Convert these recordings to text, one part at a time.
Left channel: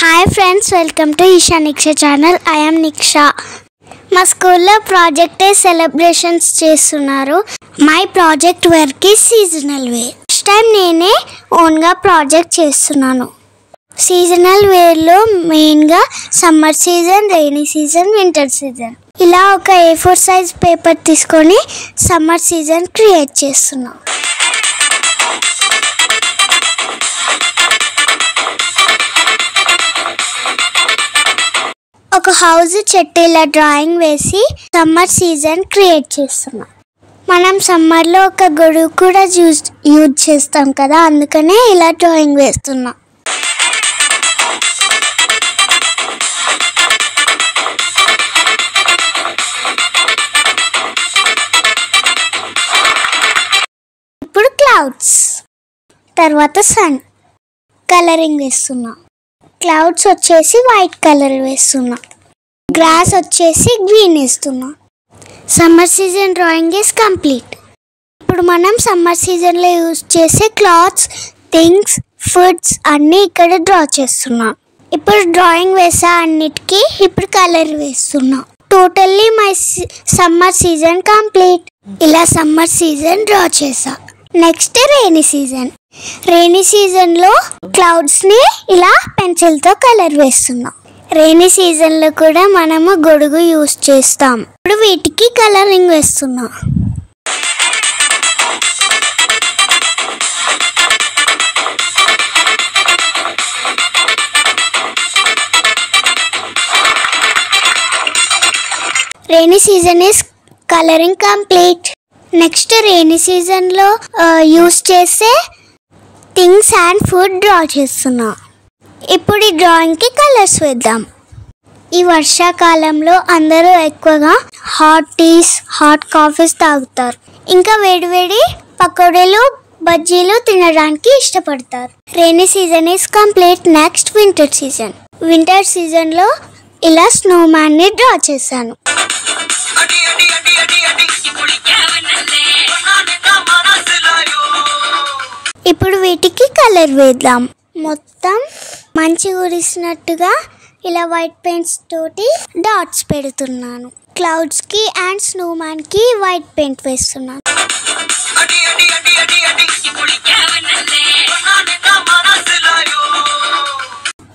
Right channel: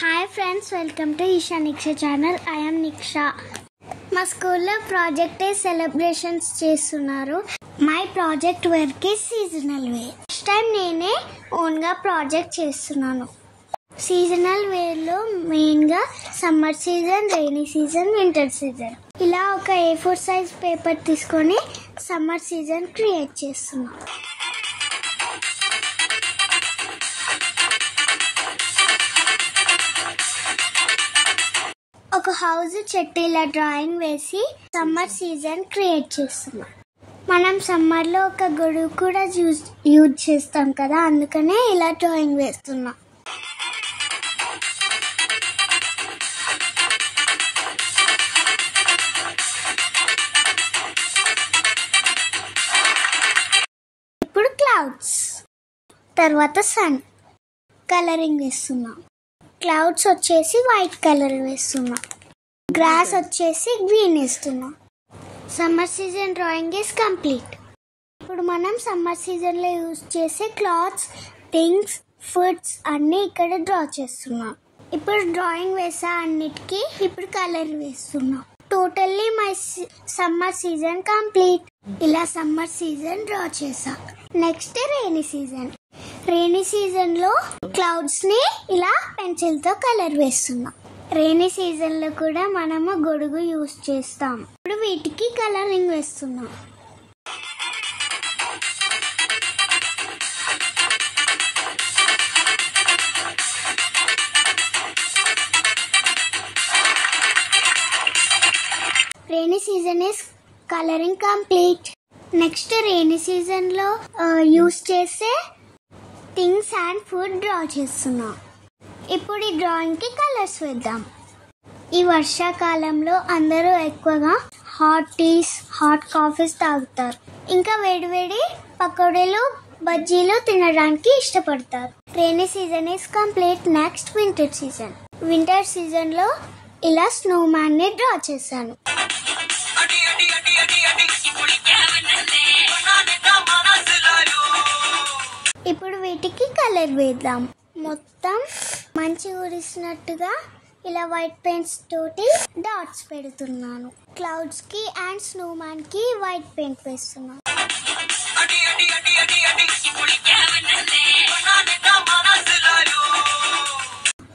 Hi friends, welcome to Isha Niksha channel. I am Niksha. మా స్కూల్లో project day celebrations చేస్తున్నారు. My project work is seasonal wear. First time నేనే ఓన్గా project చేస్తున్నాను. Seasonal వేర్లో మెయిన్గా summer season, rainy season, winter season. ఇలా ఒక A4 సైజ్ పేపర్ తీసుకొని సమ్మర్ సీజన్ క్రియేట్ చేస్తున్నాం. ఒక హౌస్ చెట్టు ఇలా డ్రాయింగ్ వేసి సమ్మర్ సీజన్ క్రియేట్ చేస్తున్నాం. మనం సమ్మర్లో ఒక గొడుగు కూడా యూజ్ చేస్తాం కదా, అందుకనే ఇలా డ్రాయింగ్ వేస్తున్నాం. ఇప్పుడు క్లౌడ్స్, తర్వాత సన్ కలరింగ్ వేస్తున్నాం. క్లౌడ్స్ వచ్చేసి వైట్ కలర్ వేస్తున్నా, గ్రాస్ వచ్చేసి గ్రీన్ వేస్తున్నా. Summer season drawing is complete. ఇప్పుడు మనం సమ్మర్ సీజన్లో యూజ్ చేసే క్లాత్స్, థింగ్స్, ఫుడ్స్ అన్నీ ఇక్కడ డ్రా చేస్తున్నాం. ఇప్పుడు డ్రాయింగ్ వేసా అన్నిటికీ ఇప్పుడు కలర్ వేస్తున్నా. Totally my summer season complete. ఇలా సమ్మర్ సీజన్ డ్రా చేసా. Next rainy season. రైనీ సీజన్లో క్లౌడ్స్ని ఇలా పెన్సిల్తో కలర్ వేస్తున్నాం. రైనీ సీజన్లో కూడా మనము గొడుగు యూజ్ చేస్తాం. ఇప్పుడు వీటికి కలరింగ్ వేస్తున్నాం. Rainy season is colouring complete. Next rainy సీజన్లో యూజ్ చేసే థింగ్స్ అండ్ ఫుడ్ డ్రా చేస్తున్నా. ఇప్పుడు ఈ డ్రాయింగ్కి కలర్స్ వేద్దాం. ఈ వర్షాకాలంలో అందరూ ఎక్కువగా హాట్ టీస్, హాట్ కాఫీస్ తాగుతారు. ఇంకా వేడివేడి పకోడీలు, బజ్జీలు తినడానికి ఇష్టపడతారు. Rainy season is complete. Next winter season. Winter సీజన్లో ఇలా స్నోమ్యాన్ని డ్రా చేశాను. ఇప్పుడు వీటికి కలర్ వేద్దాం. మొత్తం మంచి కురిసినట్టుగా ఇలా వైట్ పెయింట్స్ తోటి డాట్స్ పెడుతున్నాను. క్లౌడ్స్కి అండ్ స్నోమ్యాన్కి వైట్ పెయింట్ వేస్తున్నాను.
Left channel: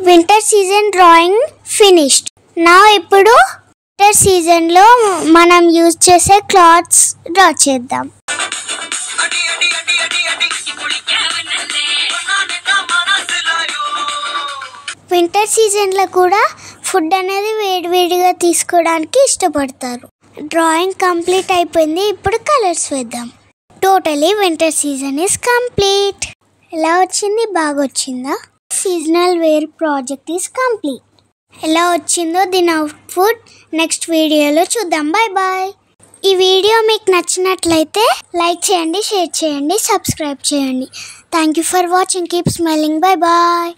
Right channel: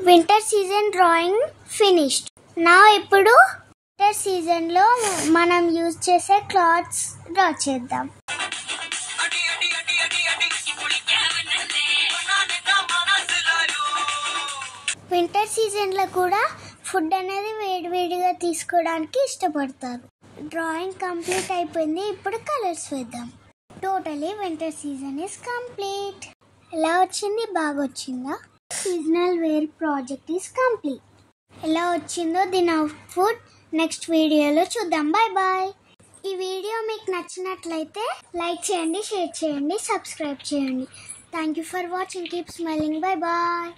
Winter season drawing finished. నా ఇప్పుడు వింటర్ సీజన్లో మనం యూజ్ చేసే క్లాత్స్ డ్రా చేద్దాం. వింటర్ సీజన్లో కూడా ఫుడ్ అనేది వేడివేడిగా తీసుకోవడానికి ఇష్టపడతారు. డ్రాయింగ్ కంప్లీట్ అయిపోయింది. ఇప్పుడు కలర్స్ వేద్దాం. Totally winter season is complete. ఎలా వచ్చింది? బాగా వచ్చిందా? Seasonal wear project is complete. ఎలా వచ్చిందో దీని అవుట్పుట్ నెక్స్ట్ వీడియోలో చూద్దాం. Bye bye. ఈ వీడియో మీకు నచ్చినట్లయితే లైక్ చేయండి, షేర్ చేయండి, సబ్స్క్రైబ్ చేయండి. Thank you for watching. Keep smiling. Bye bye.